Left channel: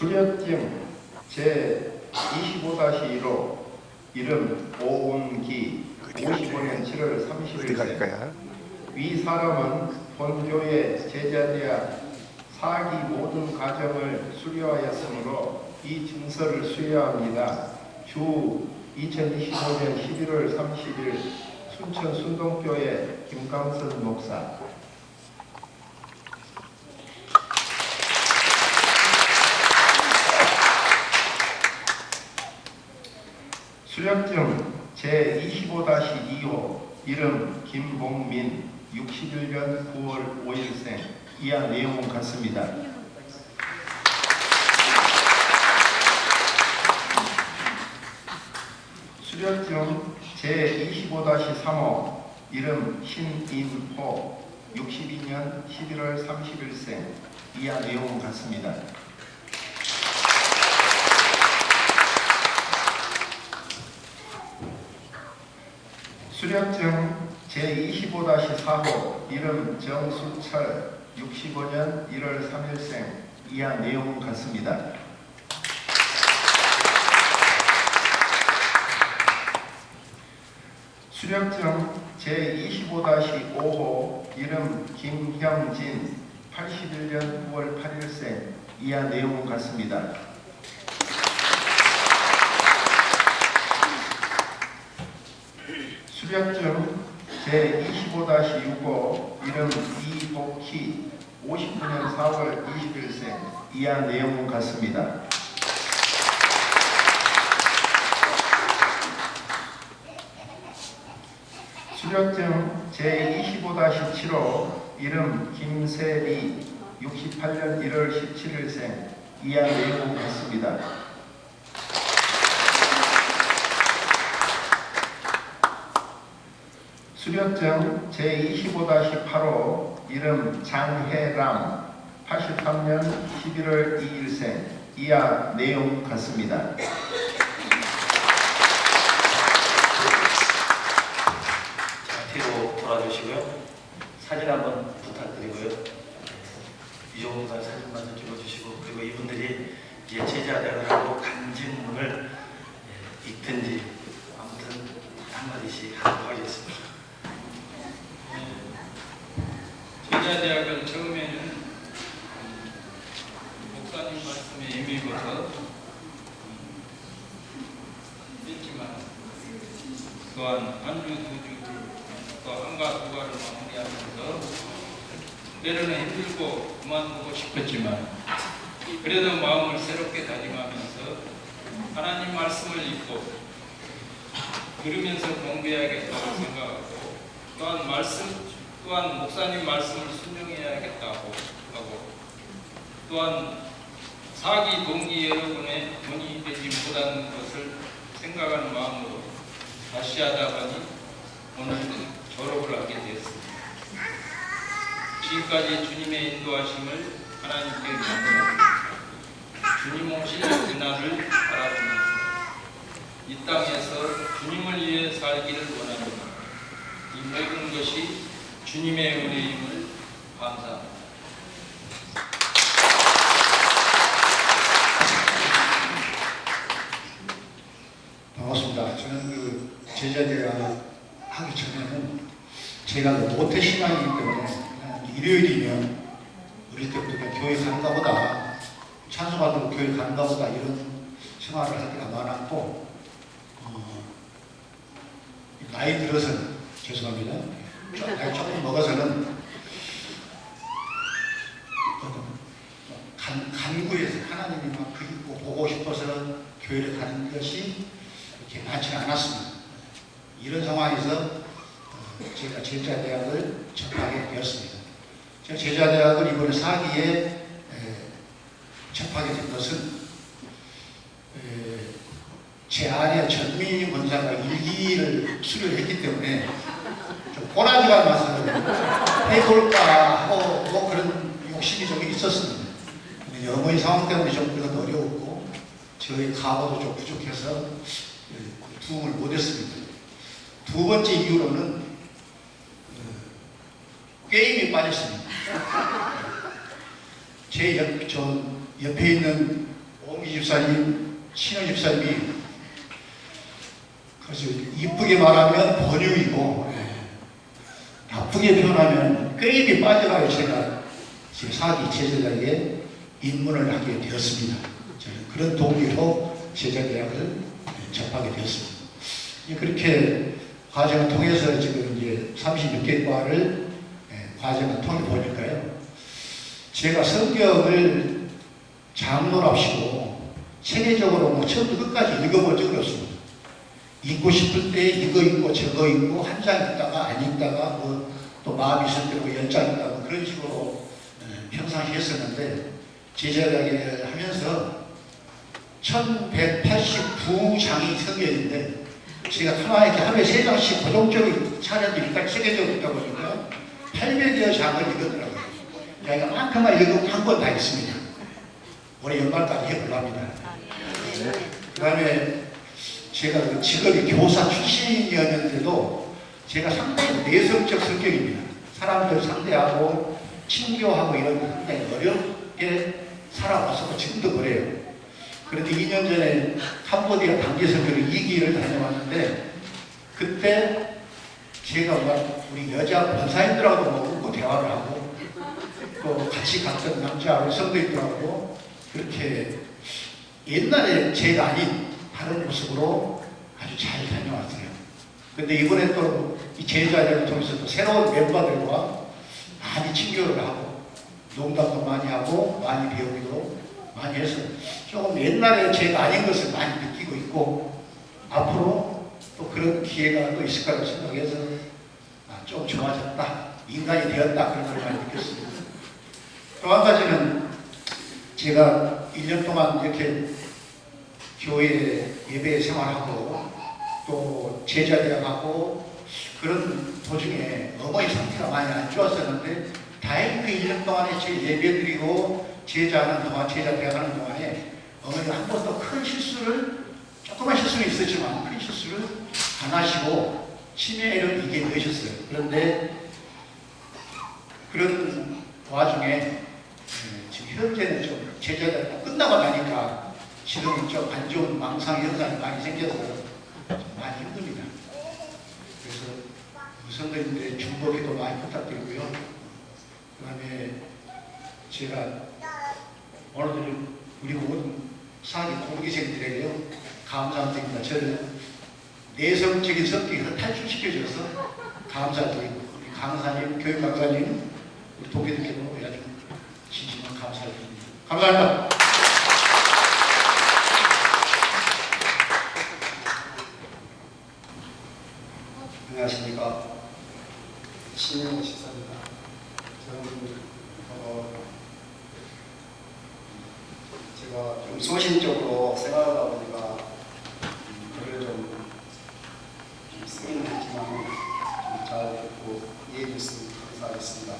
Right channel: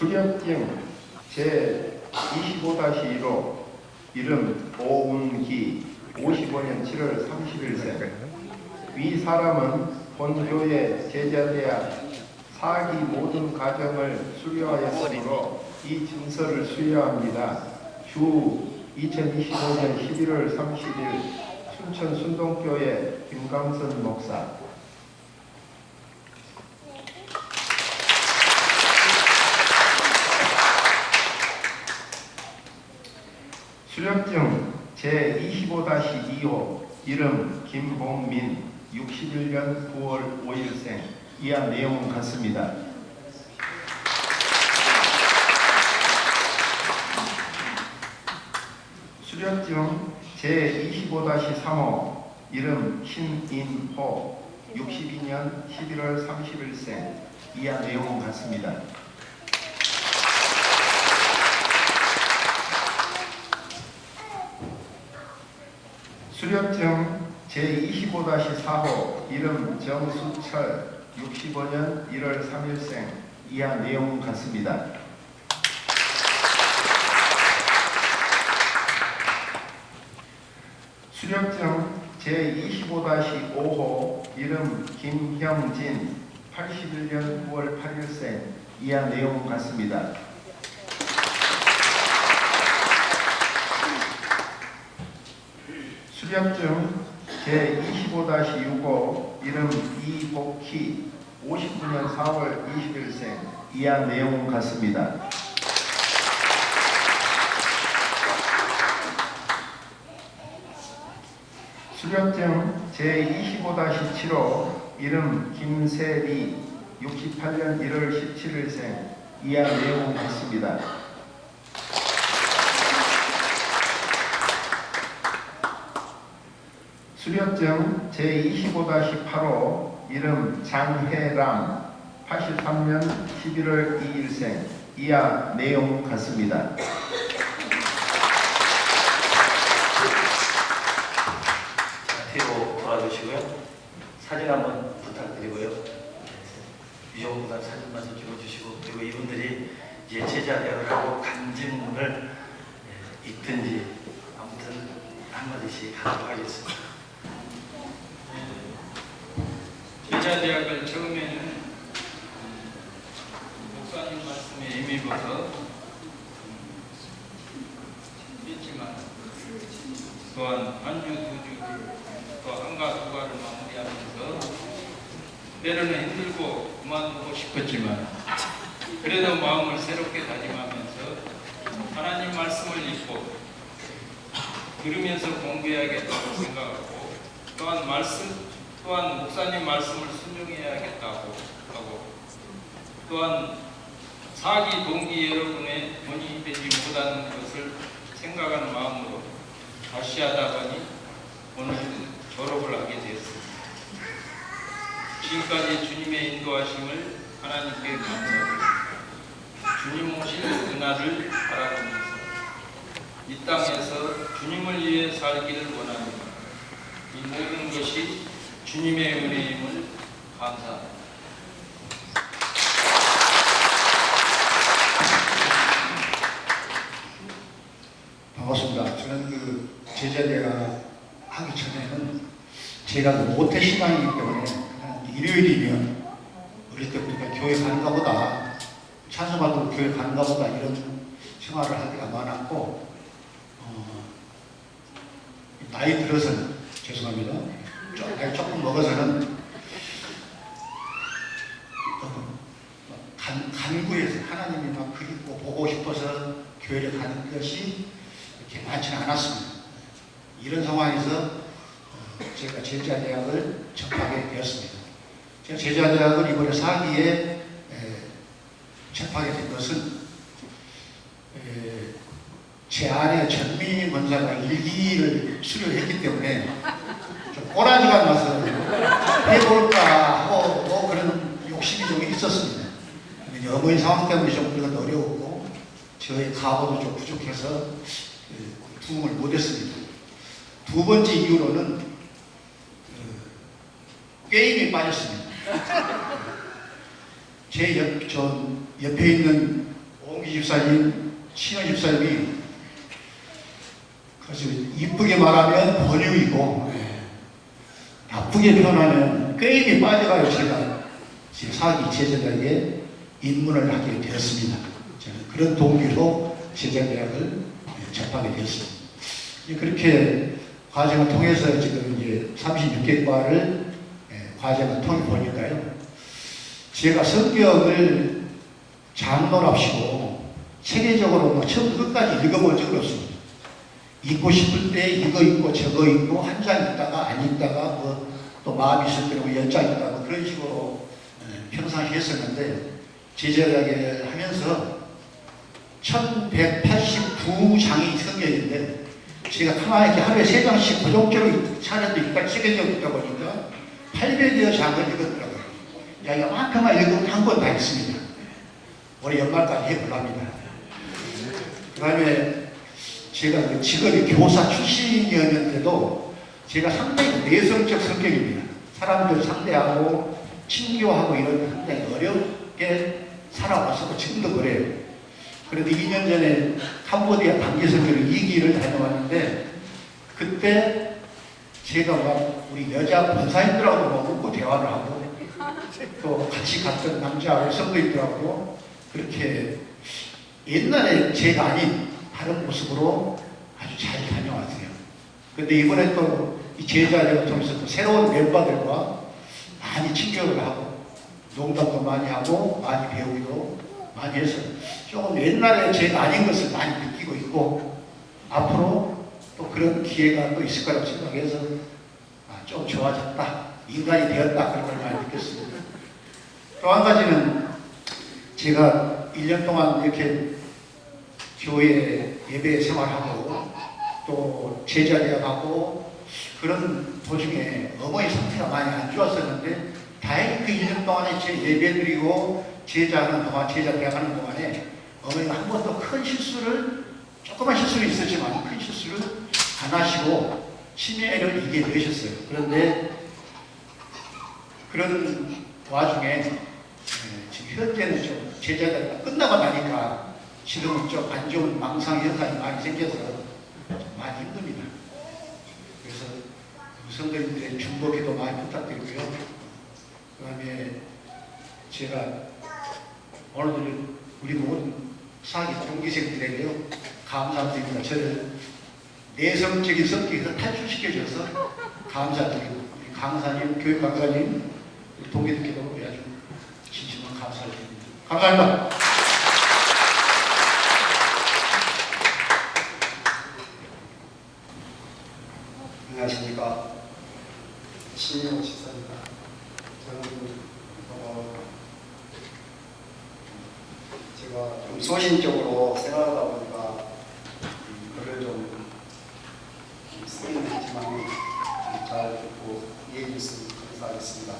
수렵증 제25-1호 이름 오운기 55년 7월 30일생. 위 사람은 본교의 제자대학 4기 모든 과정을 수료하였으므로 이 증서를 수여합니다. 주 2025년 11월 30일 순천 순동교회 김강선 목사. 수렵증 제25-2호 이름 김봉민 61년 9월 5일생. 이하 내용은 같습니다. 수렵증 제25-3호 이름 신인호 62년 11월 30일생. 이하 내용은 같습니다. 수렵증 제25-4호 이름 정수철 65년 1월 3일생. 이하 내용은 같습니다. 수렵증 제25-5호 이름 김형진 81년 9월 8일생. 이하 내용은 같습니다. 수렵증 제25-6호 이름 이복희 59년 4월 20일생. 이하 내용은 같습니다. 수렵증 제25-7호 이름 김세리 68년 1월 17일생. 이하 내용은 같습니다. 수렵증 제25-8호 이름 장혜람 83년 11월 2일생. 이하 내용 같습니다. 뒤로 돌아주시고요. 사진 한번 부탁드리고요. 이 정도만 사진만 좀 찍어주시고, 그리고 이분들이 이제 제자대학을 하고 간증문을 읽든지 아무튼 한마디씩 하도록 하겠습니다. 제자대학을 처음에는 목사님 말씀에 임입어서 했지만 또한 한 주, 두 주, 또 한가 두가를 마무리하면서 때로는 힘들고 그만두고 싶었지만 그래도 마음을 새롭게 다짐하면서 하나님 말씀을 읽고 들으면서 공부해야겠다고 생각하고 또한 목사님 말씀을 순종해야겠다고 하고 또한 사기 동기 여러분의 돈이 되지 못하는 것을 생각하는 마음으로 다시 하다 보니 오늘 졸업을 하게 되었습니다. 지금까지 주님의 인도하심을 하나님께 감사합니다. 주님 오실 그날을 바라보면서 이 땅에서 주님을 위해 살기를 원합니다. 이 모든 것이 주님의 은혜임을 감사합니다. 반갑습니다. 저는 제자대학 하기 전에는 제가 모태신앙이기 때문에 그냥 일요일이면 어릴 때부터 그냥 교회 가는가 보다, 찬송하러 교회 가는가 보다 이런 생활을 할 때가 많았고, 나이 들어서는, 죄송합니다, 나이 조금 먹어서는 간구해서 하나님이 막 그리고 보고 싶어서 교회를 가는 것이 이렇게 많지는 않았습니다. 이런 상황에서 제가 제자대학을 접하게 되었습니다. 제가 제자대학을 이번에 4기에 접하게 된 것은 제 아내 전민희 권사가 일기를 수료를 했기 때문에 좀 꼬라지가 나서 해볼까 하고 그런 욕심이 좀 있었습니다. 여러분의 상황 때문에 좀 그건 어려웠고 저희 가보도 좀 부족해서 도움을 못했습니다. 두 번째 이유로는 게임에 빠졌습니다. 저 옆에 있는 우리 집사님, 신호 집사님이 그래서 이쁘게 말하면 권유이고 나쁘게 표현하면 게임이 빠져가요. 제가 제 사기 제자대학에 입문을 하게 되었습니다. 저는 그런 동기로 제자대학을 접하게 되었습니다. 그렇게 과정을 통해서 지금 이제 36개과를 과정을 통해 보니까요. 제가 성경을 장로랍시고 체계적으로 처음부터 끝까지 읽어본 적은 없습니다. 읽고 싶을 때 이거 읽고 저거 읽고 한 장 읽다가 안 읽다가 뭐 또 마음이 있을 때고 열 장 읽다가 그런 식으로 평상시 했었는데 제자대학에 하면서 1189장이 성경인데 제가 가만히 이렇게 하루에 3장씩 고정적으로 차례도 읽다 체계적으로 읽다 보니까 800여 장을 읽었더라고요. 야, 이만큼만 읽으면 한 권 다 읽습니다. 올해 연말까지 해보려 합니다. 그 다음에 제가 그 직업이 교사 출신이었는데도 제가 상당히 내성적 성격입니다. 사람들 상대하고 친교하고 이런 게 상당히 어렵게 살아왔었고 지금도 그래요. 그런데 2년 전에 캄보디아 단기선교를 2기를 다녀왔는데 그때 제가 우리 여자 권사님들하고도 뭐 웃고 대화를 하고 또 같이 갔던 남자 성도님들하고 그렇게 옛날에 제가 아닌 다른 모습으로 아주 잘 다녀왔어요. 근데 이번에 또 이 제자들을 통해서 또 새로운 멤버들과 많이 친교를 하고 농담도 많이 하고 많이 배우기도 많이 해서 조금 옛날에 제가 아닌 것을 많이 느끼고 있고 앞으로 또 그런 기회가 또 있을 거라고 생각해서 좀 좋아졌다. 인간이 되었다. 그런 걸 많이 느꼈습니다. 또 한 가지는 제가 1년 동안 이렇게 교회 예배 생활하고 또 제자대학하고 그런 도중에 어머니 상태가 많이 안 좋았었는데 다행히 그 1년 동안에 제 예배 드리고 제자하는 동안 제자대학하는 동안에 어머니가 한 번도 큰 실수를 조그만 실수는 있었지만 큰 실수를 안 하시고 치매를 이겨내셨어요. 그런데 그런 와중에 지금 현재는 좀 제자대가 끝나고 나니까 지금은 좀 안 좋은 망상 현상이 많이 생겨서 좀 많이 힘듭니다. 그래서 성도님들의 중보기도 많이 부탁드리고요. 그 다음에 제가 오늘도 우리 모든 사기 동기생들에게요 감사드립니다. 저를 내성적인 성격에서 탈출시켜줘서 감사드리고 우리 강사님, 교육강사님, 우리 동기들께도 아주 진심으로 감사를 드립니다. 감사합니다. 안녕하십니까. 신인호 집사입니다. 저는 제가 좀 소신적으로 생각하다 보니까 글을 좀 쓰긴 했지만 잘 듣고 이해해 주시면 감사하겠습니다.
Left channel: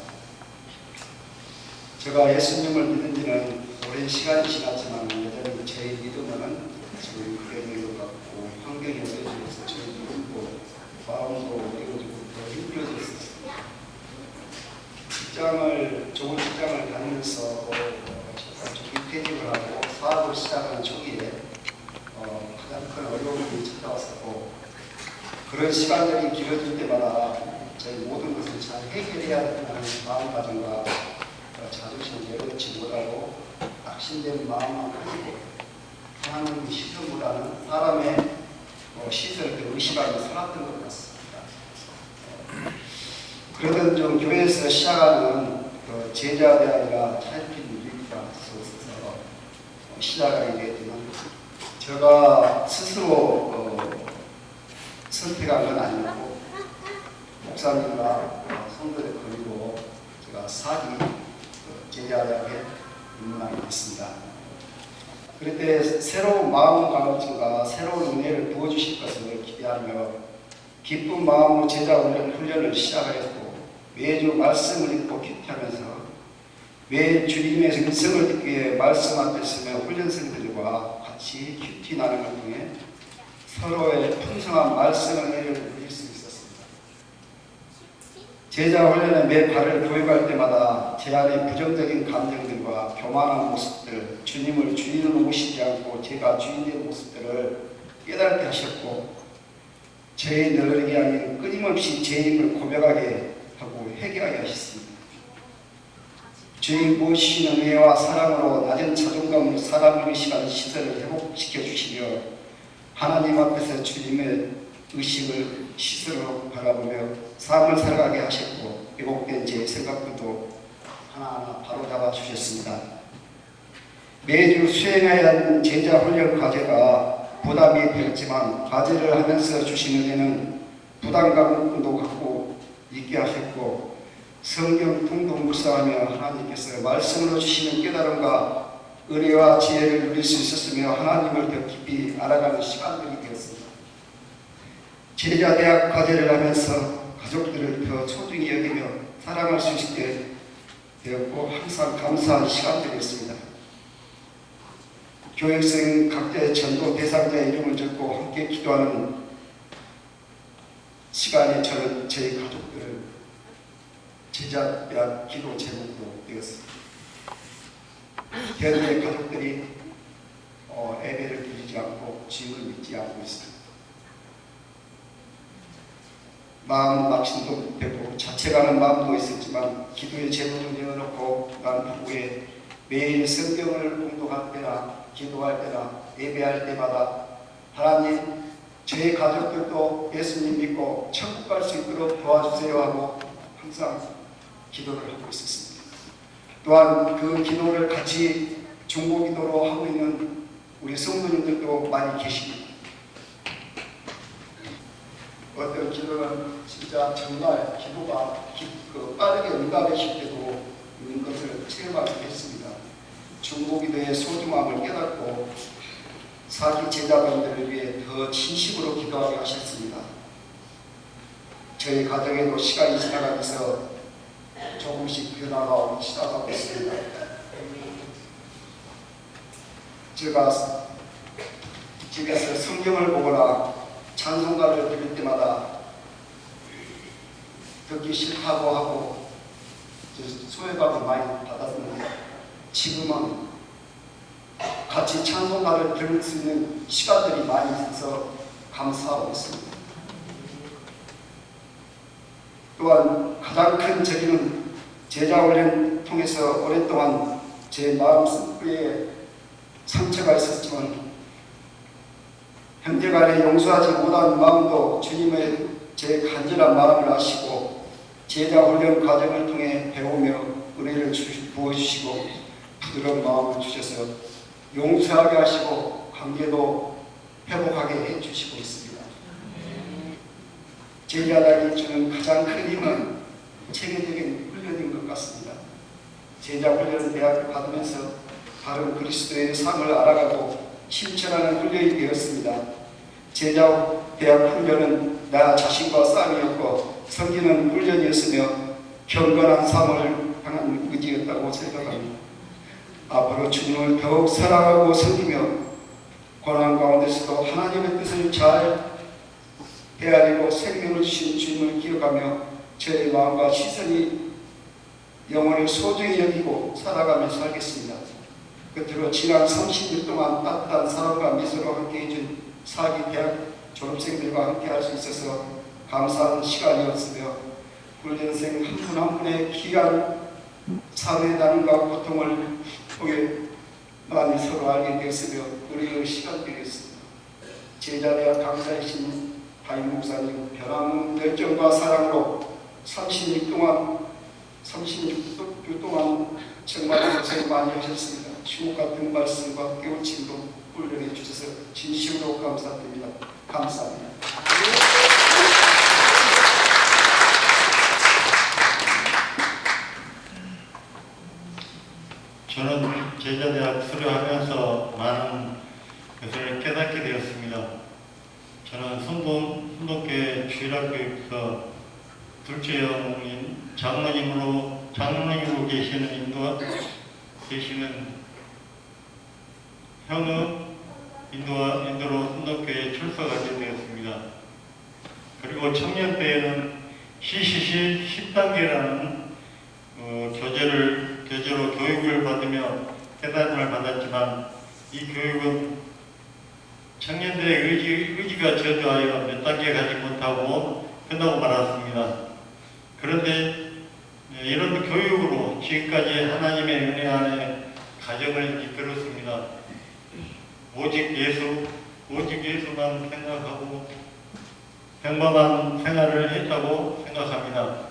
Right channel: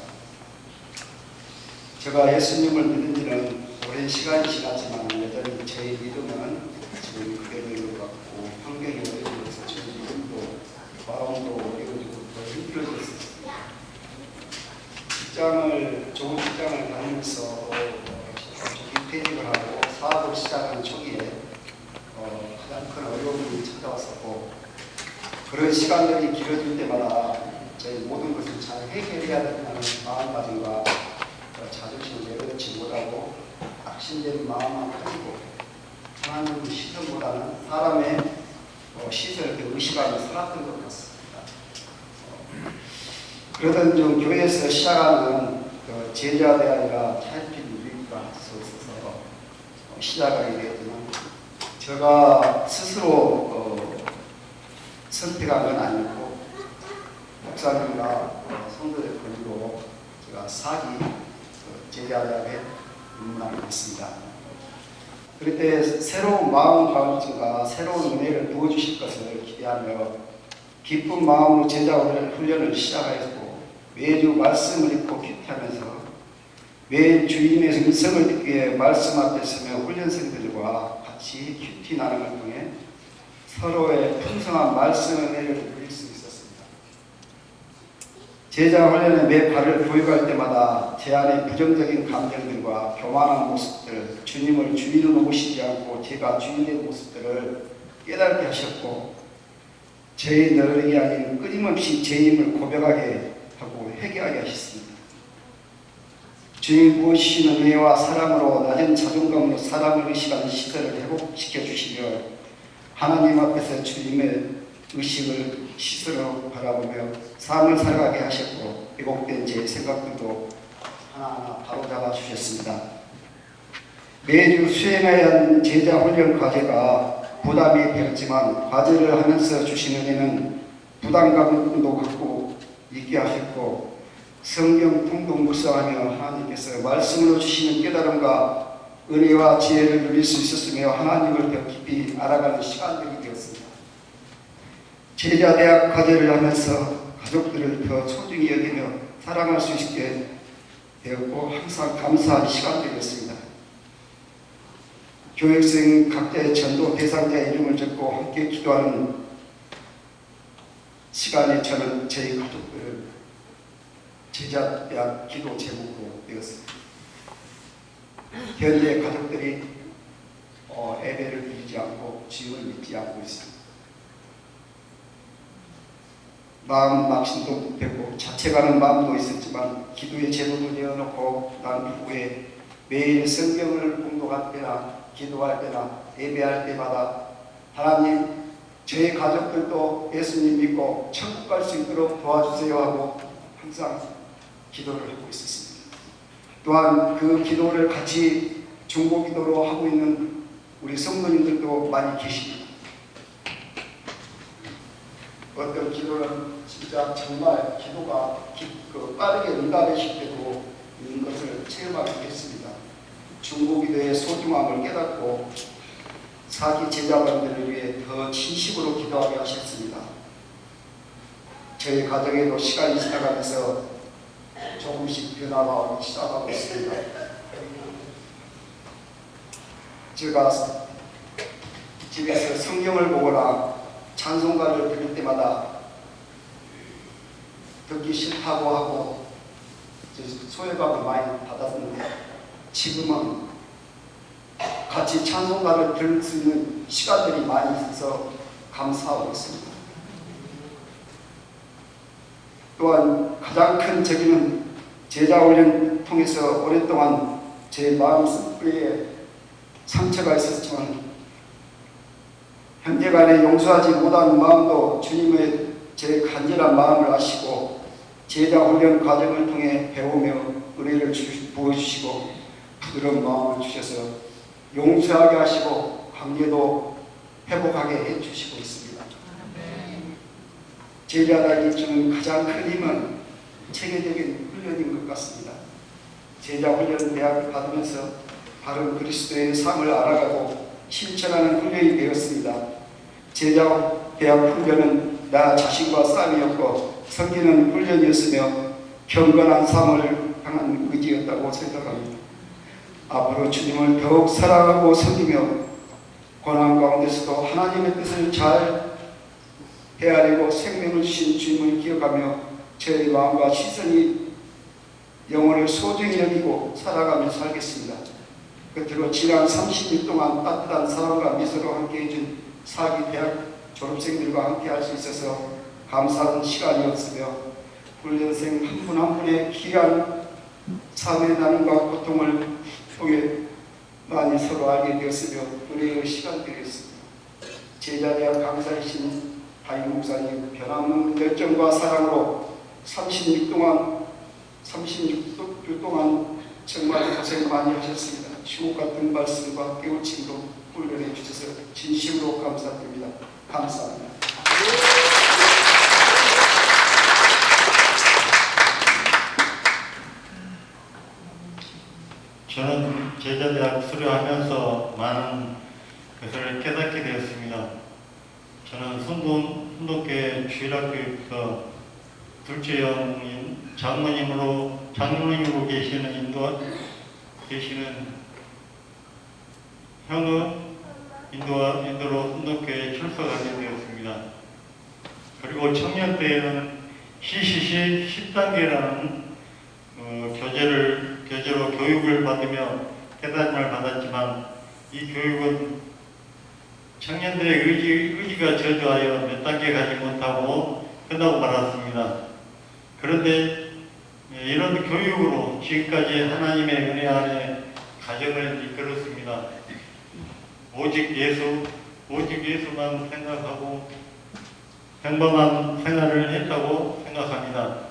제가 예수님을 믿는 지는 오랜 시간이 지났지만 여전히 저의 믿음은 지금 그대로인 것 같고 환경이 어려지면서 저의 믿음도 마음도 어려워지고 더 힘들어졌어요. 좋은 직장을 다니면서 조기퇴직을 하고 사업을 시작하는 초기에 가장 큰 어려움이 찾아왔었고 그런 시간들이 길어질 때마다 저희 모든 것을 잘 해결해야 된다는 마음가짐과 자존심을 내려놓지 못하고 낙심된 마음만 가지고 하나님의 시선보다는 사람의 시선을 의식하며 살았던 것 같습니다. 그러던 중 교회에서 시작하는 제자대 아니라 차일핀 유익과서에서 시작하게 되었지만 제가 스스로 선택한 건 아니었고 목사님과 성도들 권유로 제가 사기 제자대학에 입문하게 됐습니다. 그럴 때 새로운 마음가짐과 새로운 은혜를 부어주실 것을 기대하며 기쁜 마음으로 제자 훈련을 시작하였고 매주 말씀을 읽고 큐티하면서 매 주님의 음성을 듣기 위해 말씀 앞에 서며 훈련생들과 같이 큐티 나눔을 통해 서로의 풍성한 말씀의 은혜를 누릴 수 있었습니다. 제자 훈련에 매 발을 교육할 때마다 제 안에 부정적인 감정들과 교만한 모습들, 주님을 주인으로 모시지 않고 제가 주인된 모습들을 깨닫게 하셨고, 저의 너르기 아닌 끊임없이 제 힘을 고백하게 하고 회개하게 하셨습니다. 주님 부어주시는 은혜와 사랑으로 낮은 자존감으로 사람을 의식하는 시설을 회복시켜 주시며, 하나님 앞에서 주님의 의식을 시선으로 바라보며 삶을 살아가게 하셨고, 왜곡된 제 생각들도 하나하나 바로잡아 주셨습니다. 매주 수행해야 하는 제자 훈련 과제가 부담이 되었지만, 과제를 하면서 주신 은혜는 부담감도 갖고 있게 하셨고, 성경 통독 묵상하며 하나님께서 말씀으로 주시는 깨달음과 은혜와 지혜를 누릴 수 있었으며, 하나님을 더 깊이 알아가는 시간들이 되었습니다. 제자 대학 과제를 하면서 가족들을 더 소중히 여기며 사랑할 수 있게 되었고, 항상 감사한 시간들이었습니다. 교육생 각자의 전도 대상자의 이름을 적고 함께 기도하는 시간에 저는 저희 가족들을 제자 대학 기도 제목으로 되었습니다. 현재 가족들이 예배를 드리지 않고 주님을 믿지 않고 있습니다. 마음 막심도 되고 자책하는 마음도 있었지만, 기도의 제목을 내어놓고 난 후에 매일 성경을 공독할 때나 기도할 때나 예배할 때마다 하나님, 저의 가족들도 예수님 믿고 천국 갈 수 있도록 도와주세요 하고 항상 기도를 하고 있었습니다. 또한 그 기도를 같이 중보기도로 하고 있는 우리 성도님들도 많이 계십니다. 어떤 기도는 진짜 정말 기도가 빠르게 응답이 되고 있는 것을 체험하게 됐습니다. 중보기도의 소중함을 깨닫고 사기 제자분들을 위해 더 진심으로 기도하게 하셨습니다. 저희 가정에도 시간이 지나가면서 조금씩 변화가 오기 시작하고 있습니다. 제가 집에서 성경을 보거나 찬송가를 부를 때마다 듣기 싫다고 하고 소외감을 많이 받았는데, 지금은 같이 찬송가를 들을 수 있는 시간들이 많이 있어서 감사하고 있습니다. 또한 가장 큰 적임은 제자훈련 통해서 오랫동안 제 마음속에 상처가 있었지만, 형제간에 용서하지 못한 마음도 주님의 제 간절한 마음을 아시고 제자훈련 과정을 통해 배우며 은혜를 부어주시고 부드러운 마음을 주셔서 용서하게 하시고 관계도 회복하게 해주시고 있습니다. 제자들이 주는 가장 큰 힘은 체계적인 훈련인 것 같습니다. 제자훈련 대학을 받으면서 바른 그리스도의 삶을 알아가고 실천하는 훈련이 되었습니다. 제자 대학 훈련은 나 자신과 싸움이었고 섬기는 훈련이었으며 경건한 삶을 향한 의지였다고 생각합니다. 앞으로 주님을 더욱 사랑하고 섬기며 고난 가운데서도 하나님의 뜻을 잘 헤아리고 생명을 주신 주님을 기억하며 저의 마음과 시선이 영혼을 소중히 여기고 살아가며 살겠습니다. 끝으로 지난 30일 동안 따뜻한 사랑과 미소로 함께 해준 사기 대학 졸업생들과 함께 할 수 있어서 감사한 시간이었으며, 훈련생 한 분 한 분의 귀한 삶의 나눔과 고통을 통해 많이 서로 알게 되었으며 은혜의 시간들이었습니다. 제자대학 강사이신 담임 목사님 변함없는 열정과 사랑으로 36주 동안 정말 고생 많이 하셨습니다. 주옥 같은 말씀과 깨우침도 훈련해 주셔서 진심으로 감사드립니다. 감사합니다. 저는 제자대학 수료하면서 많은 것을 깨닫게 되었습니다. 저는 순동교회 주일학교에서 둘째 형인 장로님으로 계시는 형의 인도로 순동교회에 출석하게 되었습니다. 그리고 청년 때에는 CCC 10단계라는 교재로 교육을 받으며 깨달음을 받았지만 이 교육은 청년들의 의지가 저조하여 몇 단계 가지 못하고 끝나고 말았습니다. 그런데 이런 교육으로 지금까지 하나님의 은혜 안에 가정을 이끌었습니다. 오직 예수만 생각하고 평범한 생활을 했다고 생각합니다.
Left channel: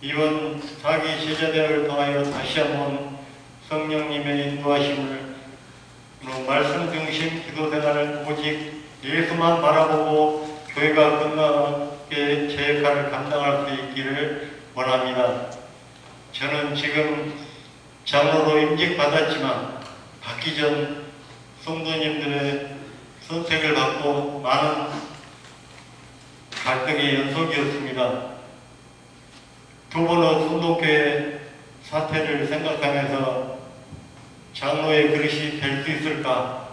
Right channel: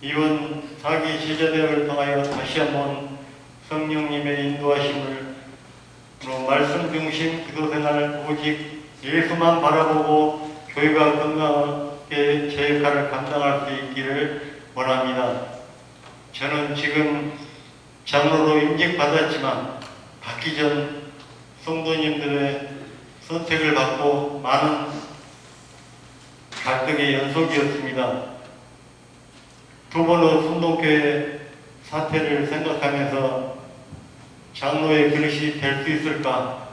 이번 4기 제자대학을 통하여 다시 한번 성령님의 인도하심을 말씀 중심 기도 생활을 오직 예수만 바라보고 교회가 건강하게 제 역할을 감당할 수 있기를 원합니다. 저는 지금 장로로 임직받았지만 받기 전 성도님들의 선택을 받고 많은 갈등의 연속이었습니다. 두 번의 순동교회 사태를 생각하면서 장로의 그릇이 될 수 있을까?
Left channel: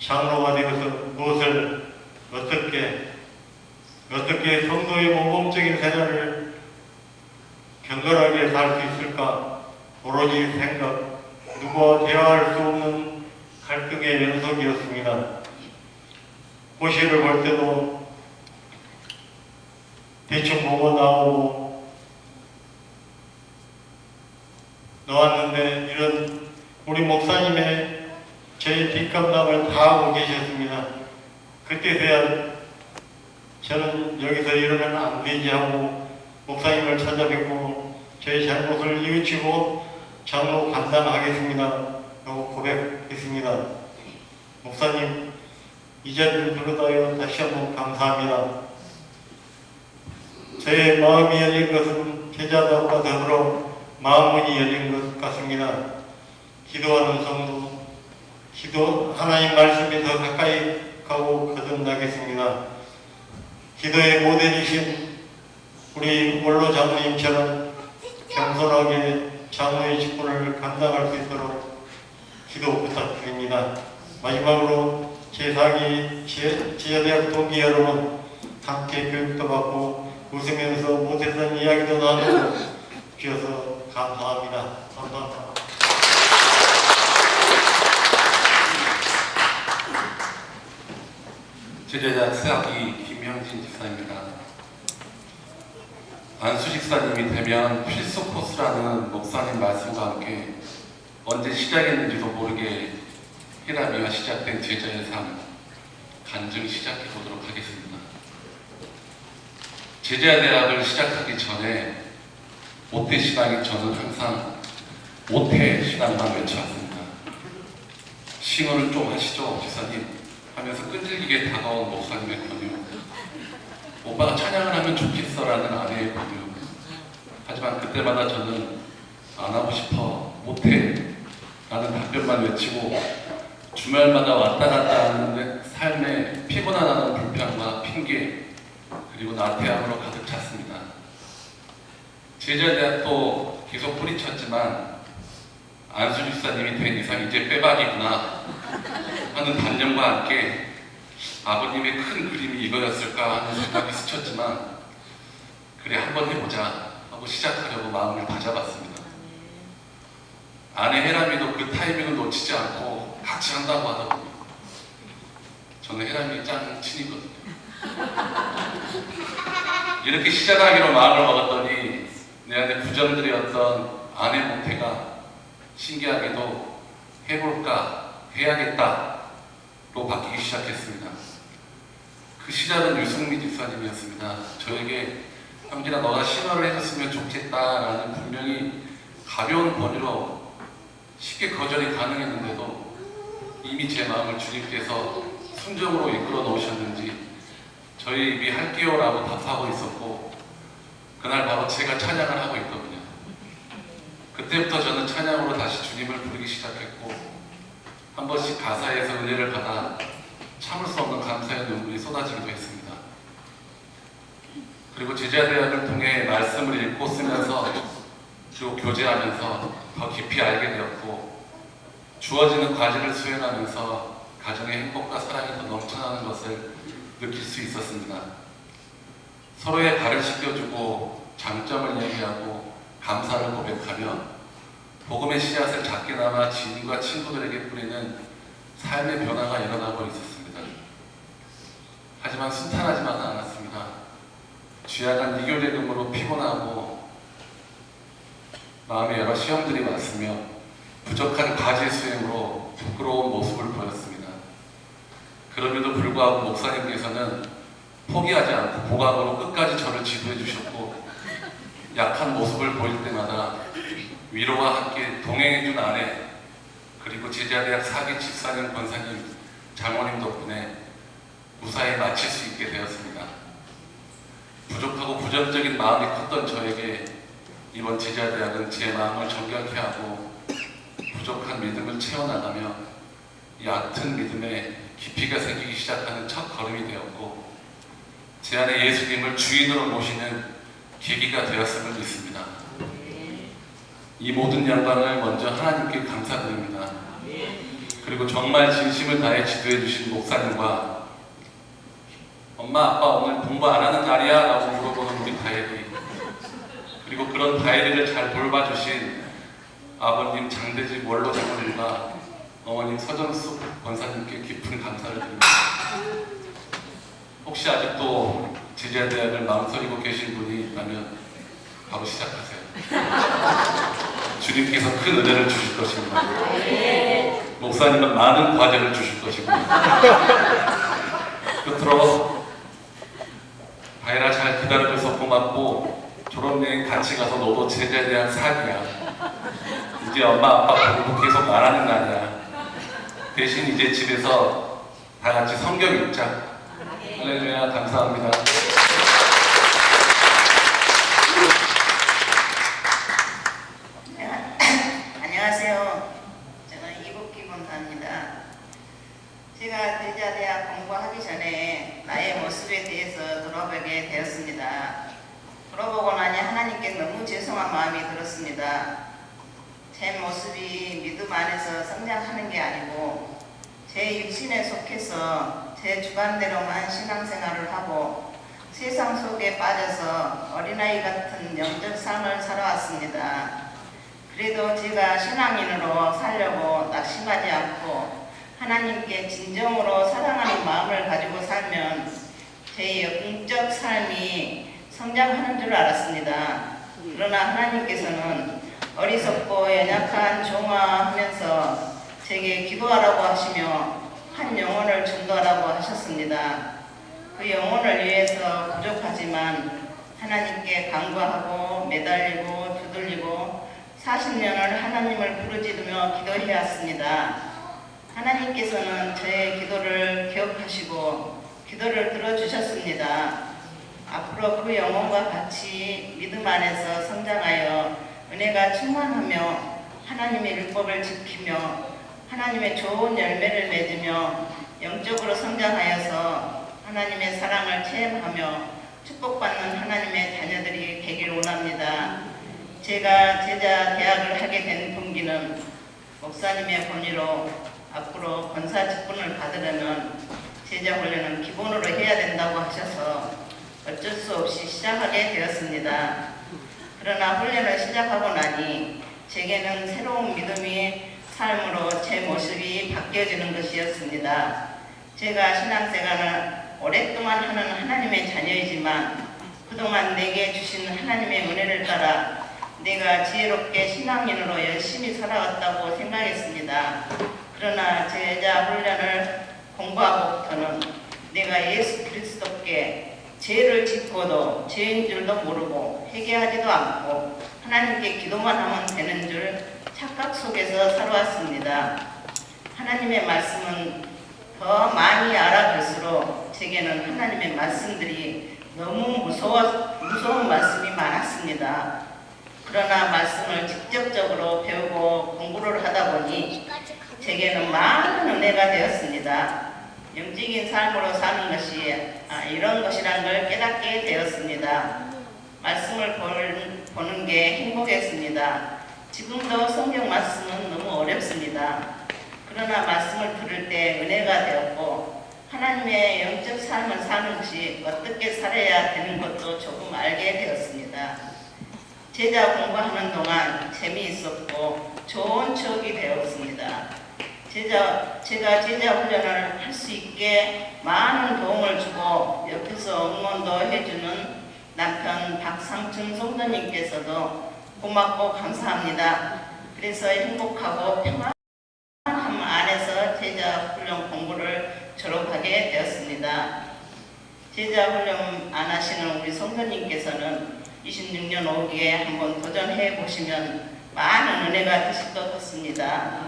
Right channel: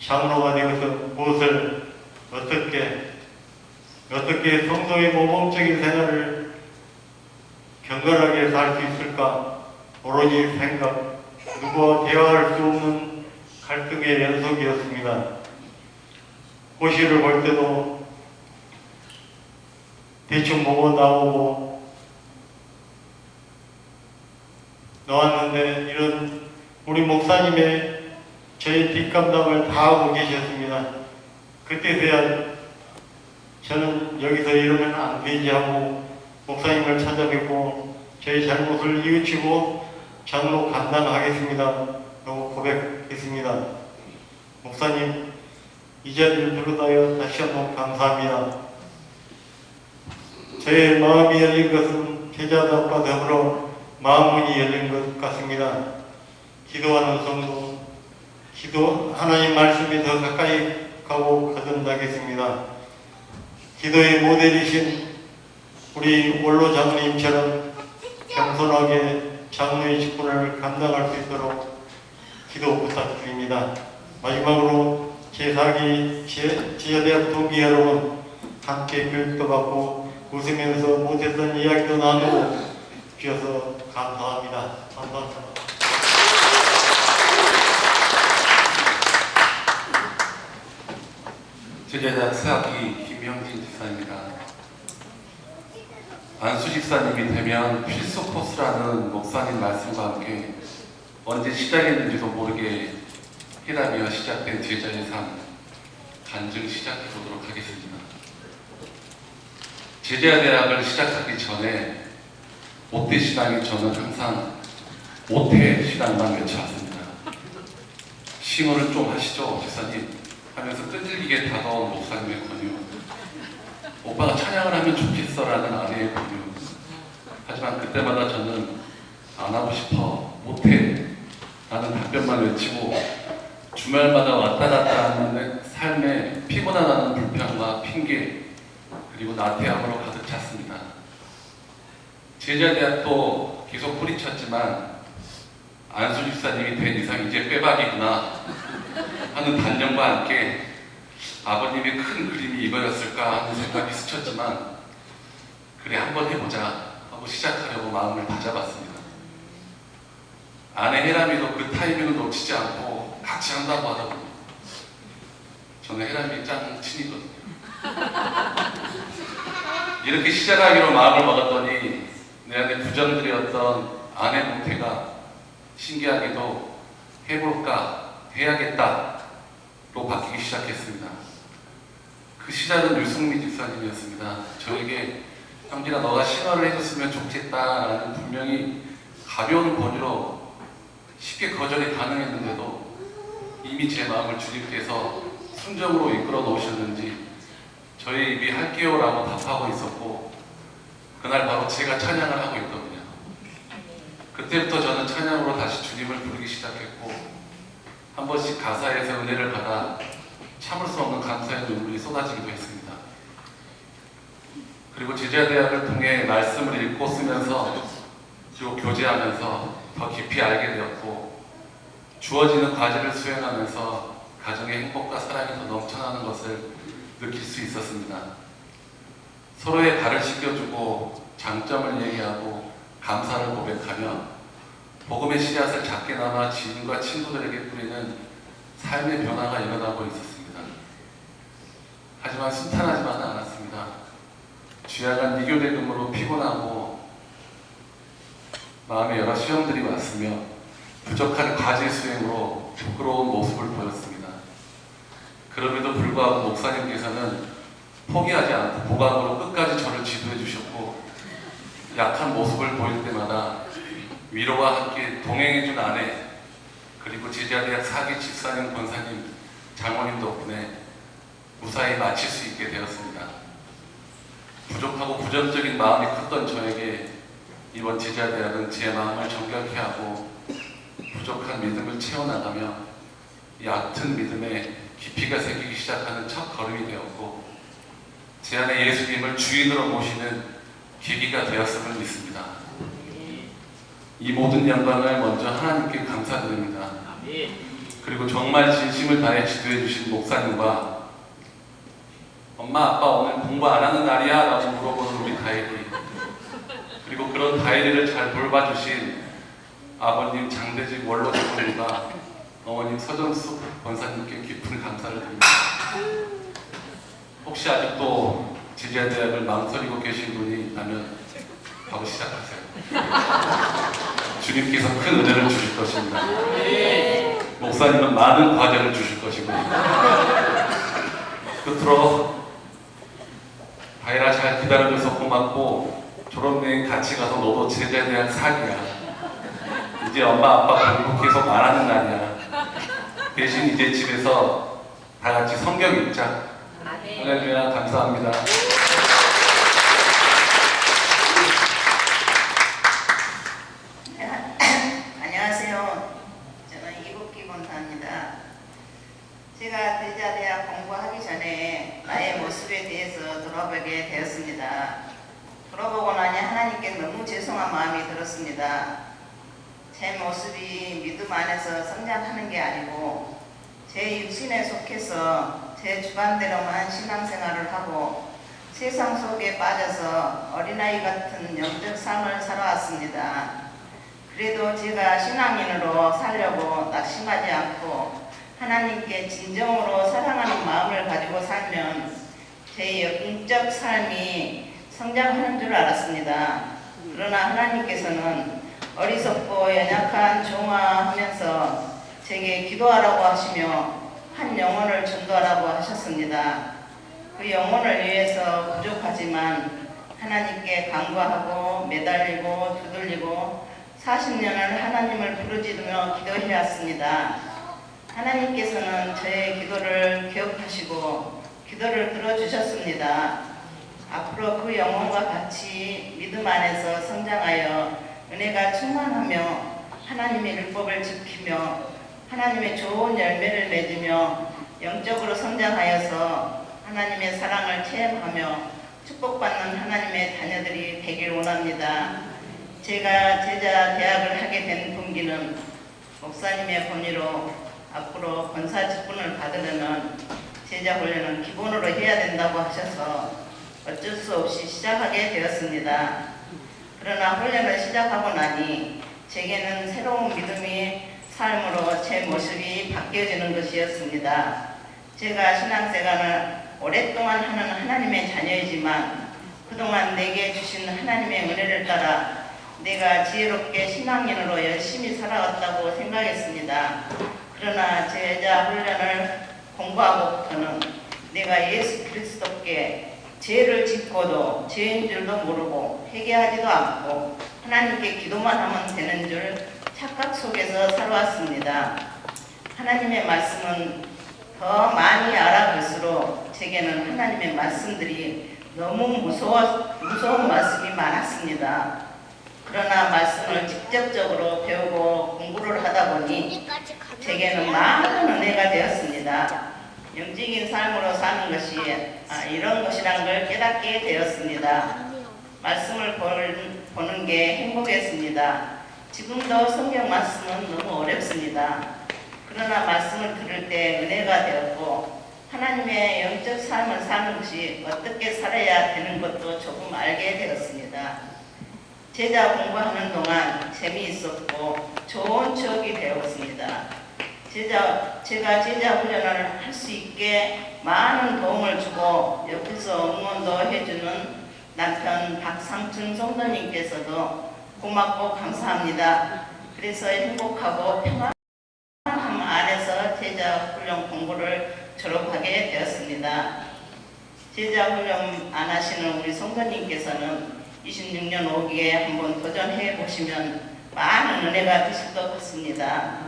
장로가 되어서 무엇을 어떻게 성도의 모범적인 생활을 경건하게 살 수 있을까? 오로지 생각, 누구와 대화할 수 없는 갈등의 연속이었습니다. 고시를 볼 때도 대충 보고 나왔는데 이런 우리 목사님의 저희 뒷감당을 다 하고 계셨습니다. 그때서야 저는 여기서 이러면 안 되지 하고 목사님을 찾아뵙고 저희 잘못을 뉘우치고 장로 감당하겠습니다 라고 고백했습니다. 목사님, 이 자리를 부르다여 다시 한번 감사합니다. 저의 마음이 열린 것은 제자들과 더불어 마음문이 열린 것 같습니다. 기도하는 성도, 하나님 말씀이 더 가까이 가고 거듭나겠습니다. 기도의 모델이신 우리 원로 장로님처럼 겸손하게 장로의 직분을 감당할 수 있도록 기도 부탁드립니다. 마지막으로 제4기 제자대학 동기 여러분, 함께 교육도 받고 웃으면서 못했던 이야기도 나누고 주셔서 감사합니다. 감사합니다. 제자대학 사학기 김명진 집사입니다. 안수 집사님이 되면 필수 코스라는 목사님 말씀과 함께 언제 시작했는지도 모르게 히라미와 시작된 제자의 삶 간증 시작해 보도록 하겠습니다. 제자대학을 시작하기 전에 모태 신앙이 저는 항상 모태 신앙만 외쳐왔습니다. 싱어를 좀 하시죠, 집사님 하면서 끈질기게 다가온 목사님의 권유, 오빠가 찬양을 하면 좋겠어라는 아내의 권유. 하지만 그때마다 저는 안 하고 싶어, 못해 라는 답변만 외치고 주말마다 왔다 갔다 하는 삶에 피곤하다는 불평과 핑계 그리고 나태함으로 가득 찼습니다. 제자대학도 계속 뿌리쳤지만 안수 집사님이 된 이상 이제 빼박이구나 하는 단념과 함께 아버님의 큰 그림이 이거였을까 하는 생각이 스쳤지만 그래 한번 해보자 하고 시작하려고 마음을 다잡았습니다. 아내 혜람이도 그 타이밍을 놓치지 않고 같이 한다고 하더군요. 저는 혜람이 짱 친이거든요. 이렇게 시작하기로 마음을 먹었더니 내 안에 부정들이었던 아내 모태가 신기하게도 해볼까 해야겠다로 바뀌기 시작했습니다. 그 시작은 유승미 집사님이었습니다. 저에게 형진아 너가 신화를 해줬으면 좋겠다라는 분명히 가벼운 권유로 쉽게 거절이 가능했는데도 이미 제 마음을 주님께서 순정으로 이끌어 놓으셨는지 저희 입이 할게요라고 답하고 있었고 그날 바로 제가 찬양을 하고 있더군요. 그때부터 저는 찬양으로 다시 주님을 부르기 시작했고 한 번씩 가사에서 은혜를 받아 참을 수 없는 감사의 눈물이 쏟아지기도 했습니다. 그리고 제자대학을 통해 말씀을 읽고 쓰면서 그리고 교제하면서 더 깊이 알게 되었고 주어지는 과제를 수행하면서 가정의 행복과 사랑이 더 넘쳐나는 것을 느낄 수 있었습니다. 서로의 발을 씻겨주고 장점을 얘기하고 감사를 고백하며 복음의 씨앗을 작게나마 지인과 친구들에게 뿌리는 삶의 변화가 일어나고 있었습니다. 하지만 순탄하지만은 않았습니다. 쥐약한 미교대금으로 피곤하고 마음에 여러 시험들이 왔으며 부족한 과제 수행으로 부끄러운 모습을 보였습니다. 그럼에도 불구하고 목사님께서는 포기하지 않고 보강으로 끝까지 저를 지도해 주셨고 약한 모습을 보일 때마다 위로와 함께 동행해준 아내 그리고 제자대학 4기 집사님 권사님 장모님 덕분에 무사히 마칠 수 있게 되었습니다. 부족하고 부정적인 마음이 컸던 저에게 이번 제자대학은 제 마음을 정결케 하고 부족한 믿음을 채워나가며 얕은 믿음에 깊이가 생기기 시작하는 첫 걸음이 되었고 제 안에 예수님을 주인으로 모시는 계기가 되었음을 믿습니다. 이 모든 영광을 먼저 하나님께 감사드립니다. 그리고 정말 진심을 다해 지도해 주신 목사님과 엄마 아빠 오늘 공부 안 하는 날이야? 라고 물어보는 우리 다혜리 그리고 그런 다혜리를 잘 돌봐주신 아버님 장대직 원로 장모님과 어머님 서정숙 권사님께 깊은 감사를 드립니다. 혹시 아직도 제자대학을 망설이고 계신 분이 있다면 바로 시작하세요. 주님께서 큰 은혜를 주실 것입니다. 목사님은 많은 과제를 주실 것이고요. 끝으로 다혜라 잘 기다려줘서 고맙고 졸업여행 같이 가서 너도 제자대학 4기야. 이제 엄마 아빠 공부 계속 안 하는 날이야. 대신 이제 집에서 다 같이 성경 읽자. 할렐루야. 감사합니다. 안녕하세요. 저는 이국기 권사입니다. 제가 제자대학 공부하기 전에 나의 모습에 대해서 돌아보게 되었습니다. 돌아보고 나니 하나님께 너무 죄송한 마음이 들었습니다. 제 모습이 믿음 안에서 성장하는 게 아니고 제 육신에 속해서 제 주관대로만 신앙생활을 하고 세상 속에 빠져서 어린아이 같은 영적 삶을 살아왔습니다. 그래도 제가 신앙인으로 살려고 낙심하지 않고 하나님께 진정으로 사랑하는 마음을 가지고 살면 제 영적 삶이 성장하는 줄 알았습니다. 그러나 하나님께서는 어리석고 연약한 종아하면서 제게 기도하라고 하시며 한 영혼을 전도하라고 하셨습니다. 그 영혼을 위해서 부족하지만 하나님께 간구하고 매달리고 두들리고 40년을 하나님을 부르짖으며 기도해왔습니다. 하나님께서는 저의 기도를 기억하시고 기도를 들어주셨습니다. 앞으로 그 영혼과 같이 믿음 안에서 성장하여 은혜가 충만하며 하나님의 율법을 지키며 하나님의 좋은 열매를 맺으며 영적으로 성장하여서 하나님의 사랑을 체험하며 축복받는 하나님의 자녀들이 되길 원합니다. 제가 제자 대학을 하게 된 동기는 목사님의 권위로 앞으로 권사 직분을 받으려면 제자 훈련은 기본으로 해야 된다고 하셔서 어쩔 수 없이 시작하게 되었습니다. 그러나 훈련을 시작하고 나니 제게는 새로운 믿음의 삶으로 제 모습이 바뀌어지는 것이었습니다. 제가 신앙생활을 오랫동안 하는 하나님의 자녀이지만 그동안 내게 주신 하나님의 은혜를 따라 내가 지혜롭게 신앙인으로 열심히 살아왔다고 생각했습니다. 그러나 제자 훈련을 공부하고부터는 내가 예수 그리스도께 죄를 짓고도 죄인 줄도 모르고 회개하지도 않고 하나님께 기도만 하면 되는 줄 착각 속에서 살아왔습니다. 하나님의 말씀은 더 많이 알아갈수록 제게는 하나님의 말씀들이 너무 무서운 말씀이 많았습니다. 그러나 말씀을 직접적으로 배우고 공부를 하다 보니 제게는 많은 은혜가 되었습니다. 영적인 삶으로 사는 것이 이런 것이란 걸 깨닫게 되었습니다. 말씀을 보는 게 행복했습니다. 지금도 성경 말씀은 너무 어렵습니다. 그러나 말씀을 들을 때 은혜가 되었고 하나님의 영적 삶을 사는 것이 어떻게 살아야 되는 것도 조금 알게 되었습니다. 제자 공부하는 동안 재미있었고 좋은 추억이 되었습니다. 제가 제자 훈련을 할 수 있게 많은 도움을 주고 옆에서 응원도 해주는 남편 박상춘 성도님께서도 고맙고 감사합니다. 그래서 행복하고 평안함 안에서 제자 훈련 공부를 졸업하게 되었습니다. 제자 훈련 안 하시는 우리 성도님께서는 26년 5기에 한번 도전해 보시면 많은 은혜가 되실 것 같습니다.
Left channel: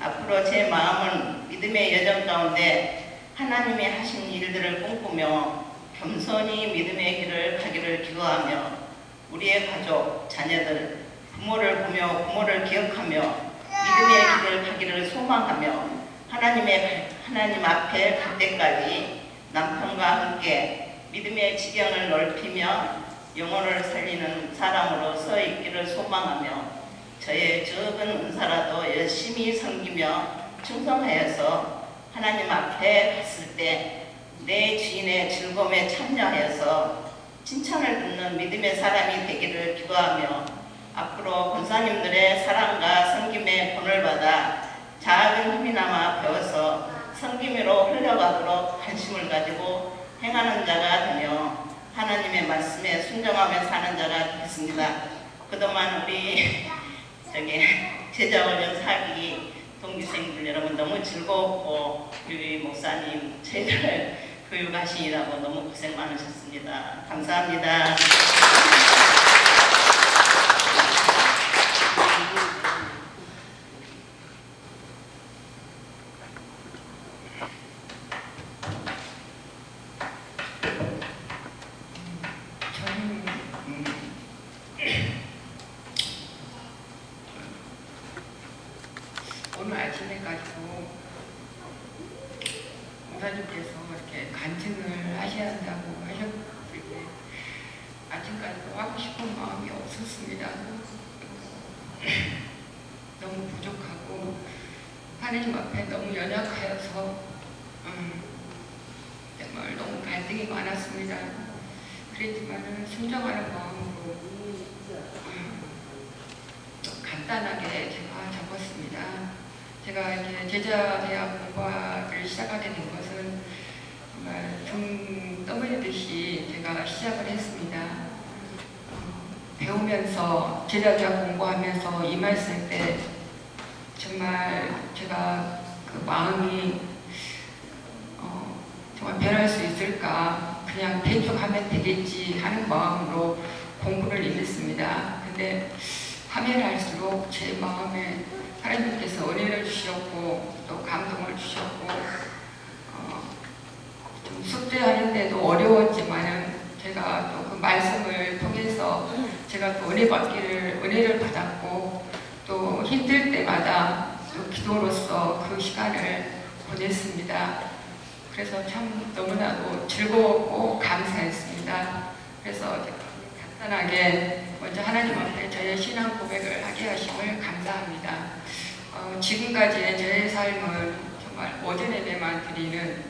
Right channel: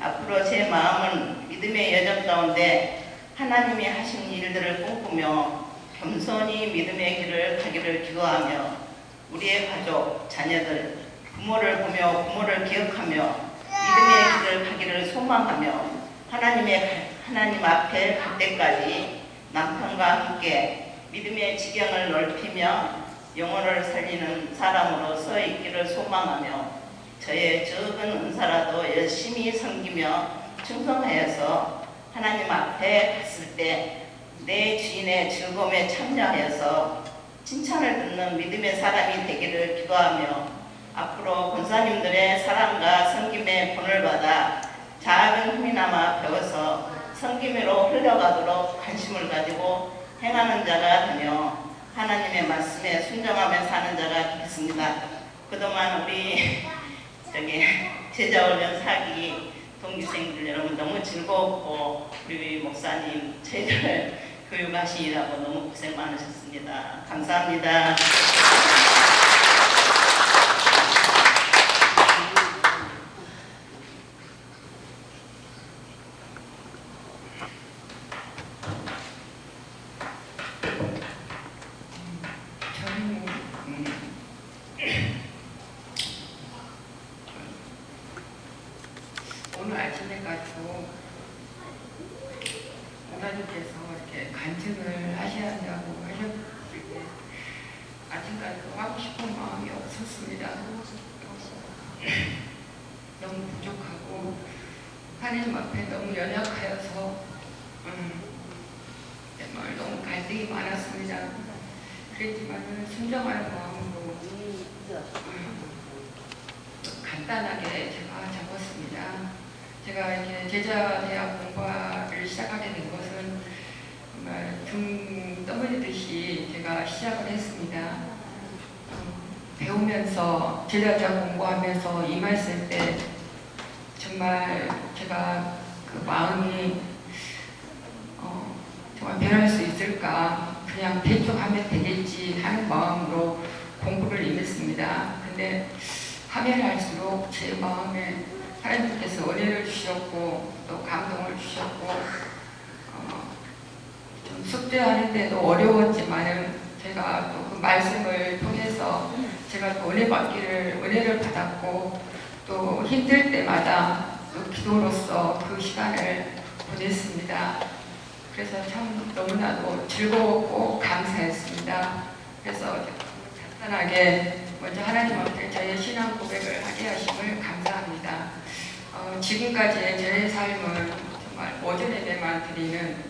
앞으로 제 마음은 믿음의 여정 가운데 하나님이 하신 일들을 꿈꾸며 겸손히 믿음의 길을 가기를 기도하며 우리의 가족, 자녀들, 부모를 보며 부모를 기억하며 믿음의 길을 가기를 소망하며 하나님 앞에 갈 때까지 남편과 함께 믿음의 지경을 넓히며 영혼을 살리는 사람으로 서 있기를 소망하며 저의 적은 은사라도 열심히 섬기며 충성하여서 하나님 앞에 갔을 때 내 주인의 즐거움에 참여하여서 칭찬을 듣는 믿음의 사람이 되기를 기도하며 앞으로 권사님들의 사랑과 섬김의 본을 받아 작은 힘이나마 배워서 섬김으로 흘러가도록 관심을 가지고 행하는 자가 되며 하나님의 말씀에 순종하며 사는 자가 되겠습니다. 그동안 우리 제자훈련 사기 동기생들 여러분 너무 즐거웠고 우리 목사님 제자를 교육하시느라고 너무 고생 많으셨습니다. 감사합니다. 오늘 아침에 가지고 목사님께서 이렇게 간증을 하셔야 한다고 하셨을 때 아침까지 하고 싶은 마음이 없었습니다. 너무 부족하고 하나님 앞에 너무 연약하여서 정말 너무 갈등이 많았습니다. 그랬지만 순종하는 마음으로 간단하게 제가 적었습니다. 제가 이제 제자대학 공부를 시작하게 된 것은 정말 등 떠밀리듯이 제가 시작을 했습니다. 배우면서 제자대학 공부하면서 임했을 때 정말 제가 그 마음이 정말 변할 수 있을까, 그냥 대충 하면 되겠지 하는 마음으로 공부를 임했습니다. 근데 하면 할수록 제 마음에 하나님께서 은혜를 주셨고 또 감동을 주셨고 좀 숙제하는데도 어려웠지만은 제가 또 그 말씀을 통해서 제가 또 은혜를 받았고 또 힘들 때마다 또 기도로서 그 시간을 보냈습니다. 그래서 참 너무나도 즐거웠고 감사했습니다. 그래서 간단하게 먼저 하나님 앞에 저의 신앙 고백을 하게 하심을 감사합니다. 지금까지의 저의 삶은 정말 오전 예배만 드리는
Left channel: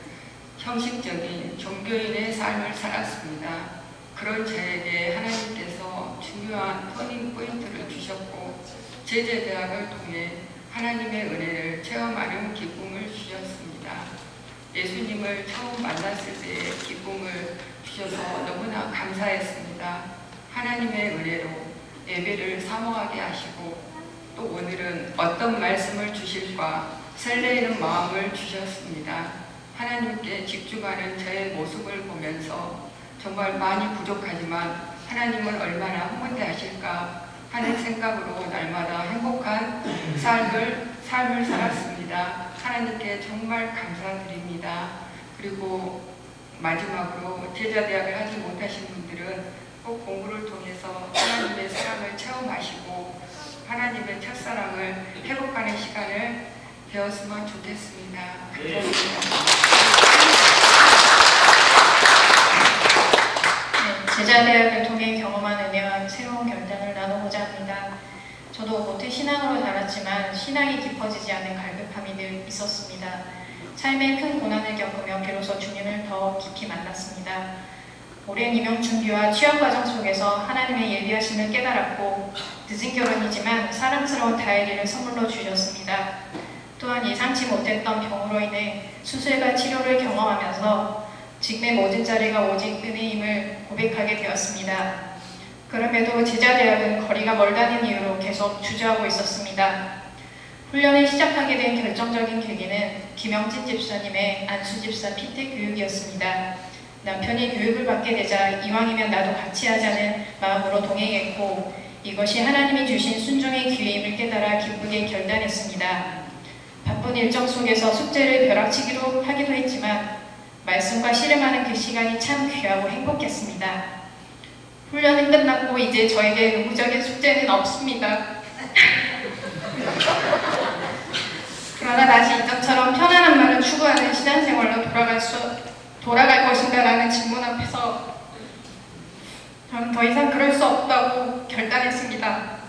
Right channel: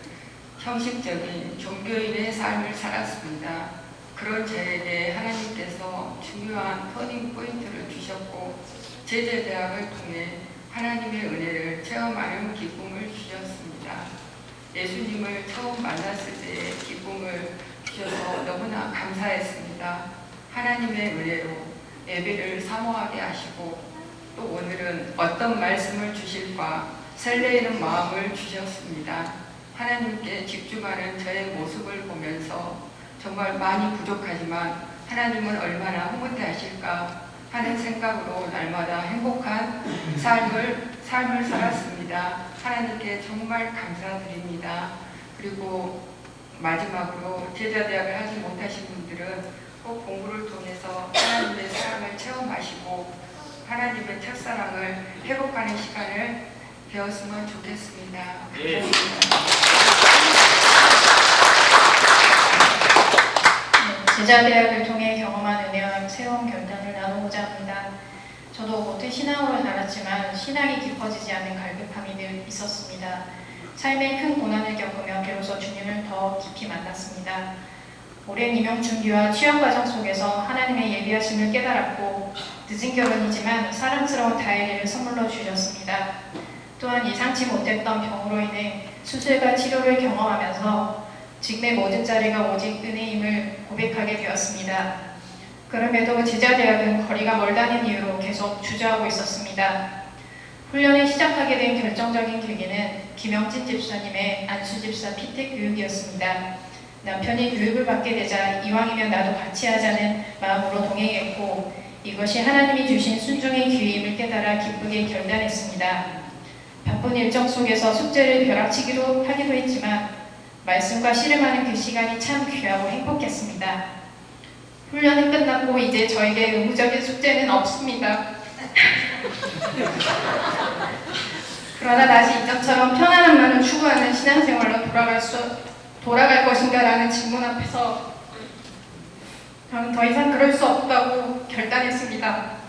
형식적인 종교인의 삶을 살았습니다. 그런 저에게 하나님께서 중요한 터닝 포인트를 주셨고 제자대학을 통해 하나님의 은혜를 체험하는 기쁨을 주셨습니다. 예수님을 처음 만났을 때의 기쁨을 주셔서 너무나 감사했습니다. 하나님의 은혜로 예배를 사모하게 하시고 또 오늘은 어떤 말씀을 주실까 설레이는 마음을 주셨습니다. 하나님께 집중하는 저의 모습을 보면서 정말 많이 부족하지만 하나님은 얼마나 흐뭇해 하실까 하는 생각으로 날마다 행복한 삶을 살았습니다. 하나님께 정말 감사드립니다. 그리고 마지막으로 제자대학을 하지 못하신 분들은 꼭 공부를 통해서 하나님의 사랑을 체험하시고 하나님의 첫사랑을 회복하는 시간을 배웠으면 좋겠습니다. 감사합니다. 제자대학을 통해 경험한 은혜와 새로운 결단을 나누고자 합니다. 저도 겉에 신앙으로 자랐지만 신앙이 깊어지지 않은 갈급함이 늘 있었습니다. 삶의 큰 고난을 겪으며 비로소 주님을 더 깊이 만났습니다. 오랜 임용 준비와 취업 과정 속에서 하나님의 예비하심을 깨달았고 늦은 결혼이지만 사랑스러운 다혜리를 선물로 주셨습니다. 또한 예상치 못했던 병으로 인해 수술과 치료를 경험하면서 지금의 모든 자리가 오직 은혜임을 고백하게 되었습니다. 그럼에도 제자대학은 거리가 멀다는 이유로 계속 주저하고 있었습니다. 훈련을 시작하게 된 결정적인 계기는 김영진 집사님의 안수 집사 피택 교육이었습니다. 남편이 교육을 받게 되자 이왕이면 나도 같이 하자는 마음으로 동행했고 이것이 하나님이 주신 순종의 기회임을 깨달아 기쁘게 결단했습니다. 바쁜 일정 속에서 숙제를 벼락치기도 하기도 했지만 말씀과 씨름하는 그 시간이 참 귀하고 행복했습니다. 훈련은 끝났고 이제 저에게 의무적인 숙제는 없습니다. 그러나 다시 이전처럼 편안함만을 추구하는 신앙생활로 돌아갈 것인가라는 질문 앞에서 저는 더 이상 그럴 수 없다고 결단했습니다.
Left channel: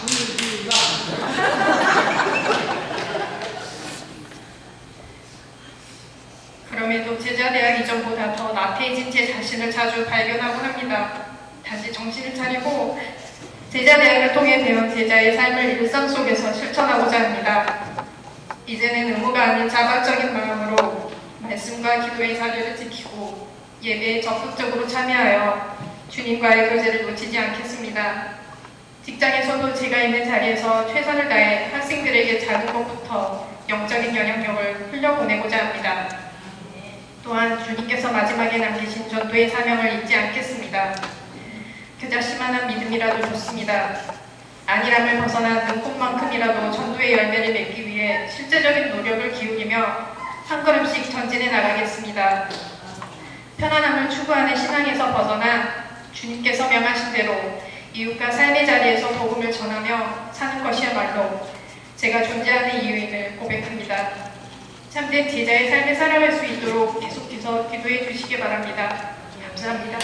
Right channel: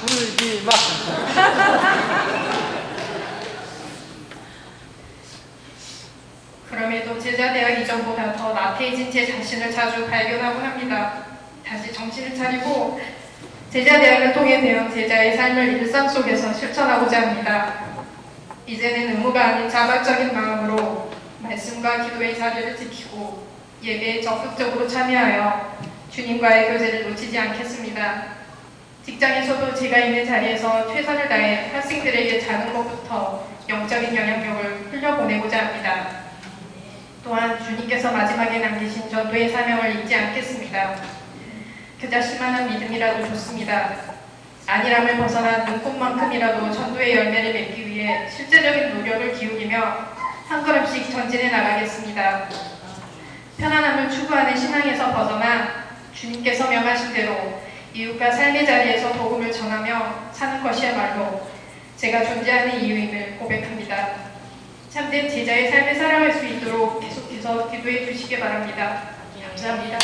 울지 마. 그럼에도 제자대학 이전보다 더 나태해진 제 자신을 자주 발견하곤 합니다. 다시 정신을 차리고 제자대학을 통해 배운 제자의 삶을 일상 속에서 실천하고자 합니다. 이제는 의무가 아닌 자발적인 마음으로 말씀과 기도의 자리를 지키고 예배에 적극적으로 참여하여 주님과의 교제를 놓치지 않겠습니다. 직장에서도 제가 있는 자리에서 최선을 다해 학생들에게 작은 것부터 영적인 영향력을 흘려보내고자 합니다. 또한 주님께서 마지막에 남기신 전도의 사명을 잊지 않겠습니다. 겨자씨만한 믿음이라도 좋습니다. 안일함을 벗어나 눈꽃만큼이라도 전도의 열매를 맺기 위해 실제적인 노력을 기울이며 한 걸음씩 전진해 나가겠습니다. 편안함을 추구하는 신앙에서 벗어나 주님께서 명하신 대로 이웃과 삶의 자리에서 복음을 전하며 사는 것이야말로 제가 존재하는 이유임을 고백합니다. 참된 제자의 삶을 살아갈 수 있도록 계속해서 기도해 주시기 바랍니다. 감사합니다.